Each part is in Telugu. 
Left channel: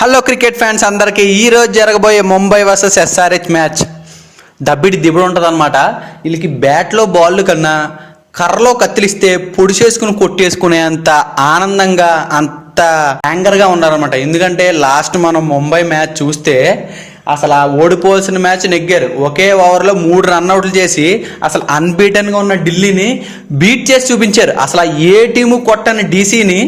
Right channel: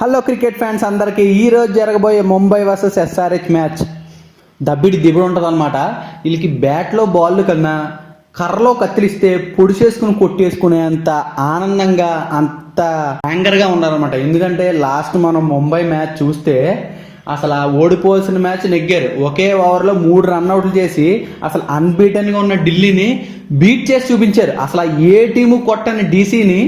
హలో క్రికెట్ ఫ్యాన్స్ అందరికీ ఈరోజు జరగబోయే ముంబై వర్సెస్ ఎస్ఆర్హెచ్ మ్యాచ్ దబ్బిడి దిబ్బడు ఉంటుంది అనమాట. వీళ్ళకి బ్యాట్లో బాల్ కన్నా కర్రలో కత్తిలిస్తే పొడిచేసుకుని కొట్టేసుకునే అంత ఆనందంగా అంత యాంగర్గా ఉన్నారనమాట. ఎందుకంటే లాస్ట్ మనం ముంబై మ్యాచ్ చూస్తే అసలు ఆ ఓడిపోవాల్సిన మ్యాచ్ నెగ్గారు. ఒకే ఓవర్లో 3 రన్అట్లు చేసి అసలు అన్బీటన్గా ఉన్న ఢిల్లీని బీట్ చేసి చూపించారు. అసలు ఏ టీము కొట్టని డీసీని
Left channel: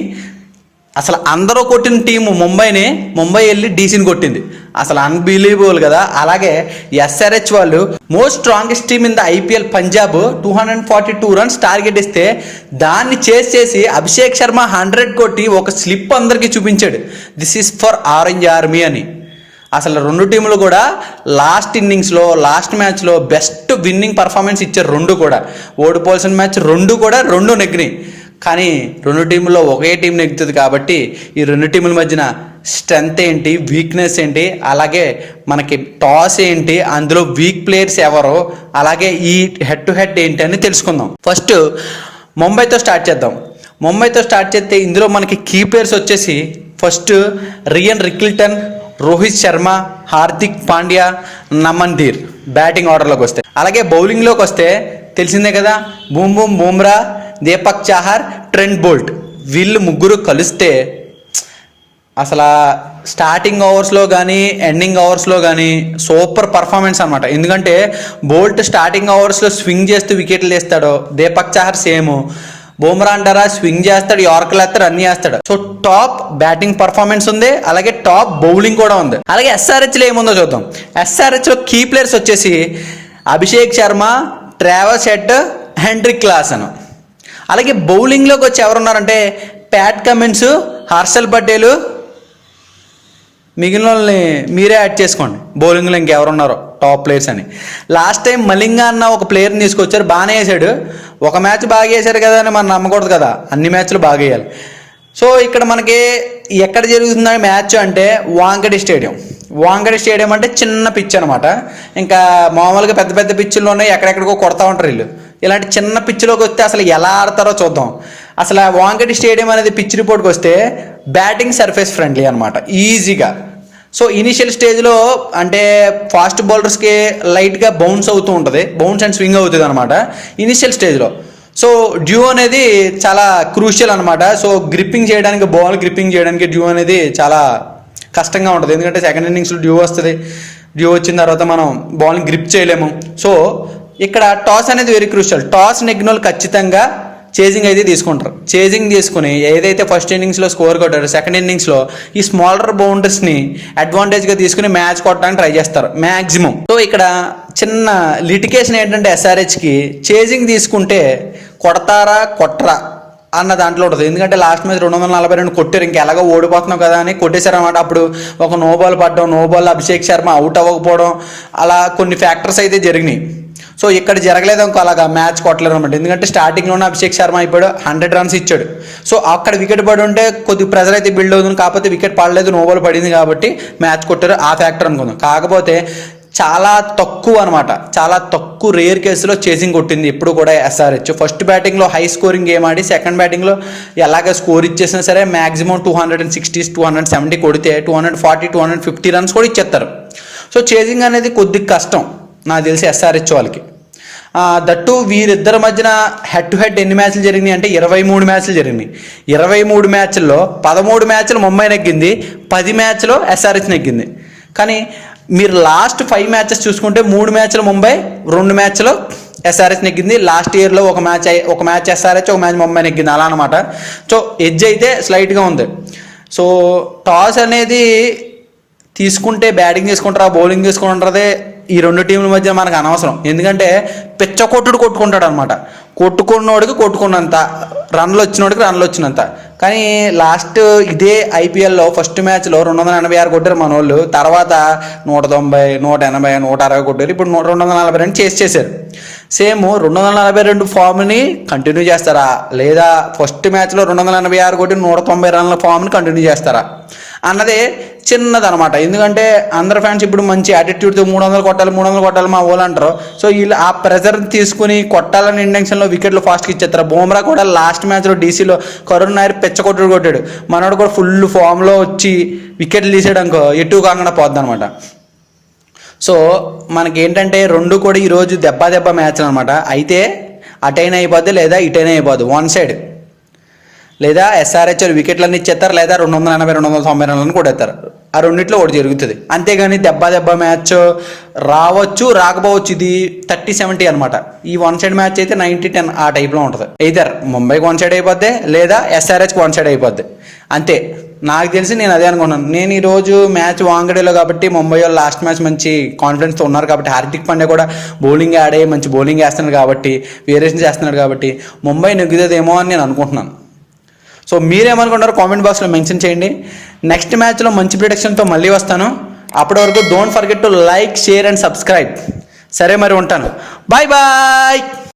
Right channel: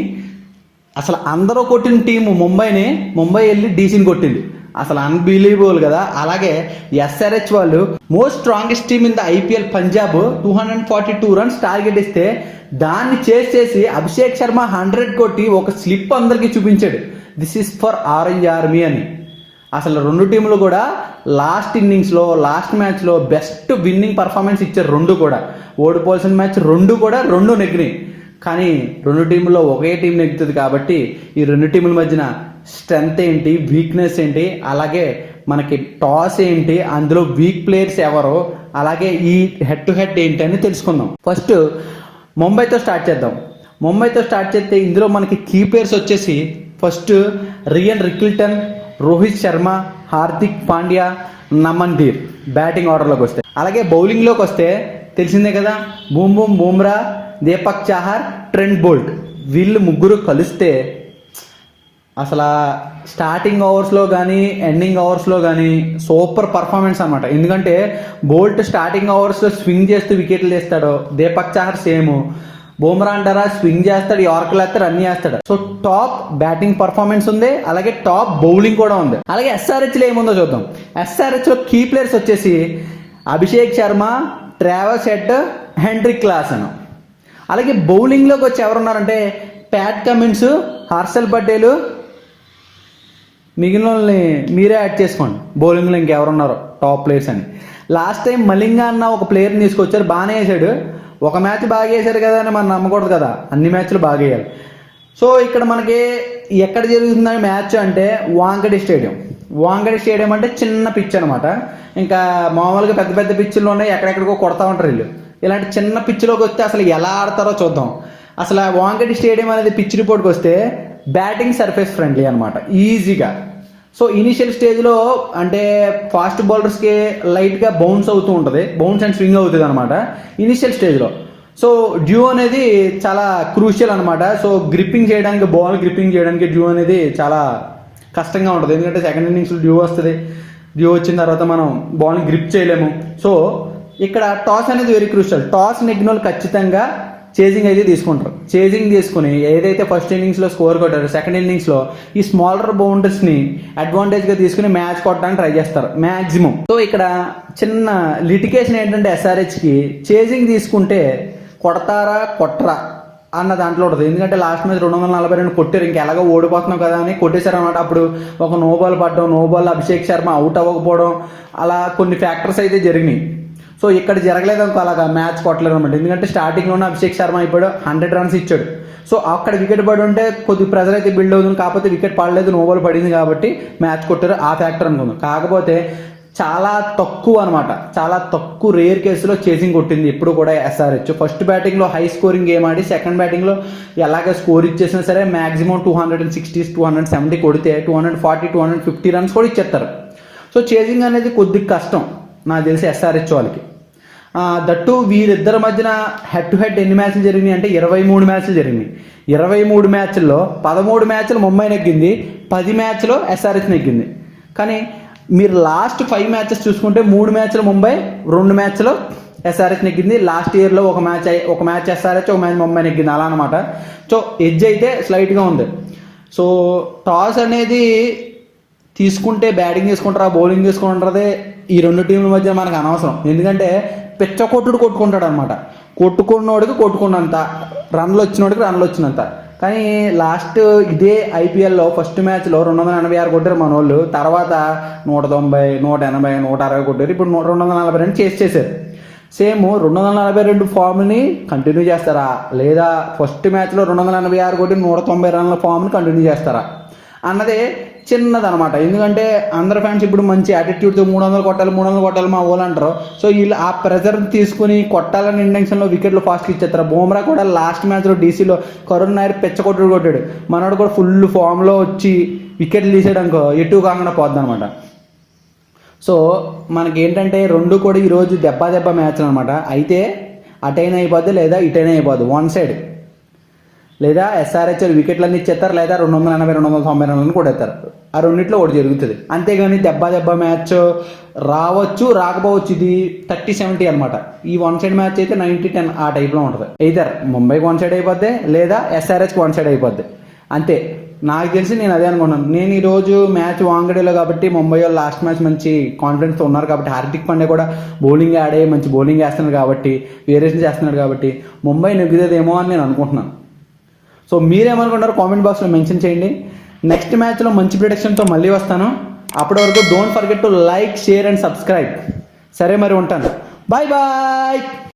అసలు అందరూ కొట్టిన టీము ముంబై వెళ్ళి డీసీని కొట్టింది. అసలు అన్బిలీవబుల్ కదా. అలాగే ఎస్ఆర్హెచ్ వాళ్ళు most strongest team in the IPL Punjab 242 runs target ఇస్తే దాన్ని చేసి అభిషేక్ శర్మ 100 కొట్టి ఒక స్లిప్ అందరికీ చూపించాడు, this is for orange army అని. అసలు రెండు టీములు కూడా లాస్ట్ మ్యాచ్లో బెస్ట్ విన్నింగ్ పర్ఫార్మెన్స్ ఇచ్చారు. రెండు కూడా ఓడిపోవాల్సిన మ్యాచ్ రెండు నెగ్గినాయి. కానీ రెండు టీముల్లో ఒకే టీం నెగ్గుతుంది కాబట్టి ఈ రెండు టీముల మధ్యన స్ట్రెంగ్త్ ఏంటి, వీక్నెస్ ఏంటి, అలాగే మనకి టాస్ ఏంటి, అందులో వీక్ ప్లేయర్స్ ఎవరు, అలాగే ఈ హెడ్ టు హెడ్ ఏంటి అని తెలుసుకుందాం. ఫస్ట్ ముంబైతో స్టార్ట్ చేస్తే ఇందులో మనకి కీ ప్లేయర్స్ వచ్చేసి first రియన్ Rickelton, Rohit Sharma, Hardik Pandya, నమన్దీర్ batting ఆర్డర్లోకి వస్తే. అలాగే బౌలింగ్లోకి వస్తే తెలిసిందే కదా, బూమ్రా, దీపక్ చాహర్, ట్రెంట్ బోల్ట్ వీళ్ళు ముగ్గురు కలిస్తే అసలు స్టార్టింగ్ ఓవర్స్లో కానీ ఎండింగ్ ఓవర్స్లో కానీ సూపర్ పర్ఫార్మెన్స్ అనమాట. ఎందుకంటే బోల్ట్ స్టార్టింగ్ ఓవర్స్లో స్వింగ్ చేస్తూ వికెట్లు తీస్తాడు, దీపక్ చాహర్ సేమ్, బూమ్రా అంటారా స్వింగ్ చేస్తాడు, యార్కర్లు వేస్తాడు, అన్ని వేస్తాడు. సో టాప్ బ్యాటింగ్ పర్ఫార్మెన్స్ ఉంది, అలాగే టాప్ బౌలింగ్ కూడా ఉంది. అలాగే ఎస్ఆర్హెచ్లో ఏముందో చూద్దాం. ఎస్ఆర్హెచ్లో కీ ప్లేయర్స్ వచ్చేసి Abhishek Sharma, Travis head, Heinrich Klaasen. అలాగే బౌలింగ్లోకి వచ్చి ఎవరున్నారంటే ప్యాట్ కమిన్స్, హర్షల్ పటేల్, మిగిలిన వాళ్ళని మీరే యాడ్ చేసుకోండి. బౌలింగ్లో ఇంకెవరున్నారో టాప్ ప్లేయర్స్ అని. లాస్ట్ టైం మలింగా అన్న ఒక ప్లేయర్ని తీసుకొచ్చారు, బాగానే వేసాడు. ఒక మ్యాచ్ బాగా వేశారు కదా అని మనం నమ్మకూడదు కదా, అన్ని మ్యాచ్లు బాగా వేయాలి. సో ఇక్కడ మనకి ఎక్కడ జరుగుతుంది మ్యాచ్ అంటే వాంకడే స్టేడియం అంటే చిన్న పిచ్ అనమాట. ఇంకా మామూలుగా పెద్ద పెద్ద పిచ్చుల్లో ఉన్నాయి, ఎక్కడెక్కడికో కొడతా ఉంటారు వీళ్ళు. ఇలాంటి చిన్న పిచ్లోకి వస్తే అసలు ఎలా ఆడతారో చూద్దాం. అసలు వాంకడే స్టేడియం అనేది పిచ్ రిపోర్ట్కి వస్తే బ్యాటింగ్ సర్ఫేస్ ఫ్రెండ్లీ అనమాట, ఈజీగా. సో ఇనిషియల్ స్టేజ్లో అంటే ఫాస్ట్ బౌలర్స్కి లైట్గా బౌన్స్ అవుతూ ఉంటుంది, బౌన్స్ అండ్ స్వింగ్ అవుతుంది అనమాట ఇనిషియల్ స్టేజ్లో. సో డ్యూ అనేది చాలా క్రూషియల్ అనమాట. సో బాల్ గ్రిప్పింగ్ చేయడానికి డ్యూ అనేది చాలా కష్టంగా ఉంటుంది. ఎందుకంటే సెకండ్ ఇన్నింగ్స్లో డ్యూ వస్తుంది, డ్యూ వచ్చిన తర్వాత మనం బాల్ని గ్రిప్ చేయలేము. సో ఇక్కడ టాస్ అనేది వెరీ క్రూషియల్. టాస్ నెగ్గిన వాళ్ళు ఖచ్చితంగా చేజింగ్ అయితే తీసుకుంటారు. చేజింగ్ తీసుకుని ఏదైతే ఫస్ట్ ఇన్నింగ్స్లో స్కోర్ కొట్టారో సెకండ్ ఇన్నింగ్స్లో ఈ స్మాలర్ బౌండరీస్ని అడ్వాంటేజ్గా తీసుకుని మ్యాచ్ కొట్టడానికి ట్రై చేస్తారు మ్యాక్సిమం. సో ఇక్కడ చిన్న లిటికేషన్ ఏంటంటే ఎస్ఆర్హెచ్కి చేజింగ్ తీసుకుంటే కొట్టరా అన్న దాంట్లో ఉంటుంది. ఎందుకంటే లాస్ట్ మ్యాచ్ 242 కొట్టారు, ఇంకెలాగో ఓడిపోతున్నావు కదా అని కొట్టేశారు అనమాట. అప్పుడు ఒక no ball Abhishek Sharma out అవ్వకపోవడం, అలా కొన్ని ఫ్యాక్టర్స్ అయితే జరిగినాయి. సో ఇక్కడ జరగలేదు అనుకో, అలాగా మ్యాచ్ కొట్టలేదు అనమాట. ఎందుకంటే స్టార్టింగ్లోనే అభిషేక్ శర్మ అయిపోయాడు, 100 రన్స్ ఇచ్చాడు. సో అక్కడ వికెట్ పడి ఉంటే కొద్ది ప్రెజర్ అయితే బిల్డ్ అవుతుంది, కాకపోతే వికెట్ పడలేదు, నో బాల్ పడింది కాబట్టి మ్యాచ్ కొట్టారు, ఆ ఫ్యాక్టర్ అనుకుందాం. కాకపోతే చాలా తక్కువ రేర్ కేసులో చేసింగ్ కొట్టింది ఇప్పుడు కూడా ఎస్ఆర్హెచ్. ఫస్ట్ బ్యాటింగ్లో హై స్కోరింగ్ గేమ్ ఆడి సెకండ్ బ్యాటింగ్లో ఎలాగ స్కోర్ ఇచ్చేసినా సరే మ్యాక్సిమం 260, 270 కొడితే 240, 250 రన్స్ కూడా ఇచ్చేస్తారు. సో చేసింగ్ అనేది కొద్దిగా కష్టం నాకు తెలిసి ఎస్ఆర్హెచ్ వాళ్ళకి. దట్టు వీరిద్దరి మధ్యన హెడ్ టు హెడ్ ఎన్ని మ్యాచ్లు జరిగినాయి అంటే 23 మ్యాచ్లు జరిగినాయి. 23 మ్యాచ్ల్లో 13 మ్యాచ్లు ముంబై నెగ్గింది, 10 మ్యాచ్లో ఎస్ఆర్హెచ్ నెగ్గింది. కానీ మీరు లాస్ట్ 5 మ్యాచెస్ చూసుకుంటే 3 మ్యాచ్లు ముంబై, 2 మ్యాచ్లో ఎస్ఆర్హెచ్ నెగ్గింది. లాస్ట్ ఇయర్లో ఒక మ్యాచ్ ఎస్ఆర్హెచ్, ఒక మ్యాచ్ ముంబై నెగ్గింది, అలా అనమాట. సో ఎడ్జ్ అయితే స్లైట్గా ఉంది. సో టాస్ అనేది తీసుకుంటే బ్యాటింగ్ చేసుకుంటారా బౌలింగ్ చేసుకుంటారదే ఈ రెండు టీంల మధ్య మనకు అనవసరం. ఎందుకంటే కొట్టుకుంటాడు అనమాట. కొట్టుకున్నోడికి కొట్టుకున్నంత, రన్లు వచ్చినంత. కానీ లాస్ట్ ఇదే ఐపీఎల్లో ఫస్ట్ మ్యాచ్లో 286 కొట్టారు మన వాళ్ళు, తర్వాత 190, 180, 160 కొట్టారు. ఇప్పుడు 242 చేశారు. సేమ్ 242 ఫామ్ని కంటిన్యూ చేస్తారా, లేదా ఫస్ట్ మ్యాచ్లో 286 కొట్టి 190 రన్ల ఫామ్ని కంటిన్యూ చేస్తారా అన్నదే చిన్నదనమాట. ఎందుకంటే అందరు ఫ్యాన్స్ ఇప్పుడు మంచి యాటిట్యూడ్తో 300 కొట్టాలి మా వాళ్ళు అంటారు. సో వీళ్ళు ఆ ప్రెజర్ తీసుకుని కొట్టాలని ఇంటెన్షన్లో వికెట్లు ఫాస్ట్గా ఇచ్చేస్తారు. బుమ్రా కూడా లాస్ట్ మ్యాచ్లో డీసీలో కరుణ్ నాయర్ కొట్టాడు. మనోడు కూడా ఫుల్ ఫామ్లో వచ్చి వికెట్లు తీసాడు అనుకో ఎటు కాకుండా పోద్ది అనమాట. సో మనకేంటంటే రెండు కూడా ఈరోజు దెబ్బ మ్యాచ్లు అనమాట. అయితే అటైనా అయిపోద్ది లేదా ఇటైనా అయిపోద్ది, వన్ సైడ్. లేదా ఎస్ఆర్హెచ్ వికెట్లన్నీ ఇచ్చేస్తారు, లేదా 280 290 రన్లను కూడా ఎత్తారు. ఆ రెండిట్లో ఒకటి జరుగుతుంది. అంతేగాని దెబ్బ మ్యాచ్ రావచ్చు రాకపోవచ్చు. ఇది 30-70 అనమాట. ఈ వన్ సైడ్ మ్యాచ్ అయితే 90-10 ఆ టైప్లో ఉంటుంది. ఎయిదర్ ముంబైకి వన్ సైడ్ అయిపోద్ది లేదా ఎస్ఆర్హెచ్కి వన్ సైడ్ అయిపోద్ది. అంతే నాకు తెలిసి నేను అదే అనుకున్నాను. నేను ఈరోజు మ్యాచ్ వాంగడేలో కాబట్టి ముంబై వాళ్ళు లాస్ట్ మ్యాచ్ మంచి కాన్ఫిడెన్స్తో ఉన్నారు కాబట్టి, హార్దిక్ పాండ్యా కూడా బౌలింగ్ ఆడే మంచి బౌలింగ్ వేస్తున్నాడు కాబట్టి, వేరియేషన్ చేస్తున్నాడు కాబట్టి ముంబై నెగ్గుతుందేమో అని నేను అనుకుంటున్నాను. సో మీరేమనుకుంటారో కామెంట్ బాక్స్లో మెన్షన్ చేయండి. నెక్స్ట్ మ్యాచ్లో మంచి ప్రిడిక్షన్తో మళ్ళీ వస్తాను. అప్పటి వరకు don't forget to like, share and subscribe. సరే మరి ఉంటాను. Bye bye.